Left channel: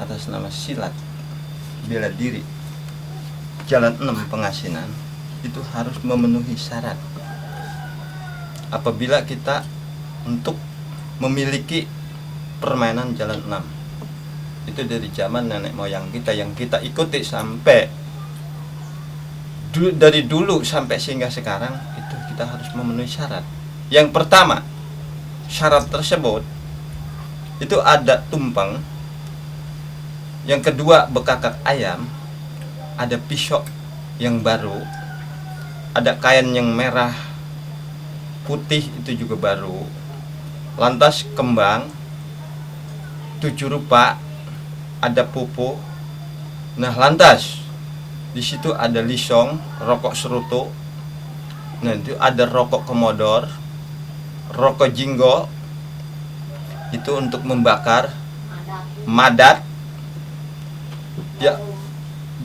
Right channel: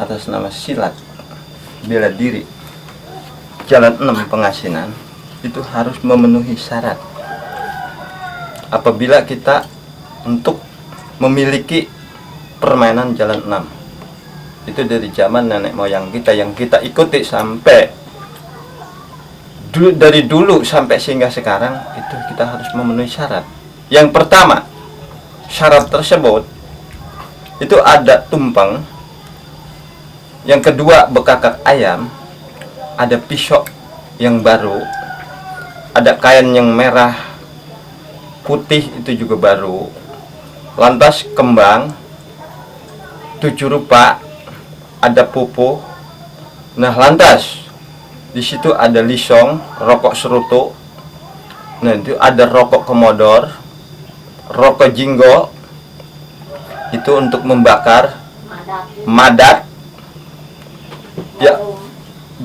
Atas nama silat bela diri Jalan 6 Pengasinan itu harus memenuhi syarat. Apabila kita untuk memiliki permainan Jalan 6 itu dari zaman nenek moyang kita yang kita ikuti sampai dari dulu sampai sehingga sekarang, itu kita harus memenuhi syarat. Yang pertama, syarat tersebut itu ada tumpeng. Yang kedua, bekakak ayam, ada pisau yang baru, ada kain yang merah, putih itu juga baru, lantas kembang, 7 rupa, ada pupuk. Nah, lantas di situ ada lisong, rokok serutu. Nah, itu ada rokok komodor, rokok jinggo, itu untuk membakar, madat, ya,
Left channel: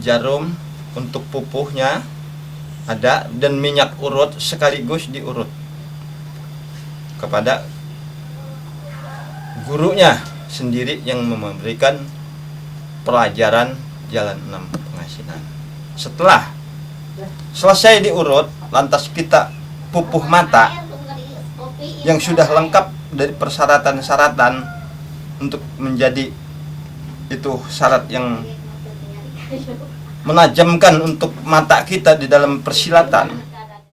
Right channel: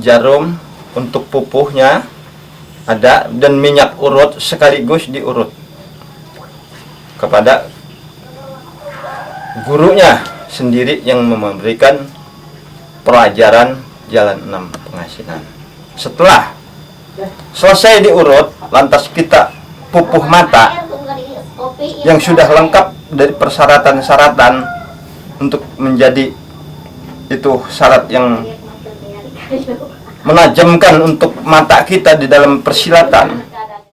jarum untuk pupuhnya ada, dan minyak urut sekaligus diurut kepada gurunya sendiri yang memberikan pelajaran Jalan 6 Pengasinan. Setelah selesai diurut, lantas kita pupuh mata yang sudah lengkap dari persyaratan-syaratan untuk menjadi itu syarat yang menajamkan untuk mata kita di dalam persilatan.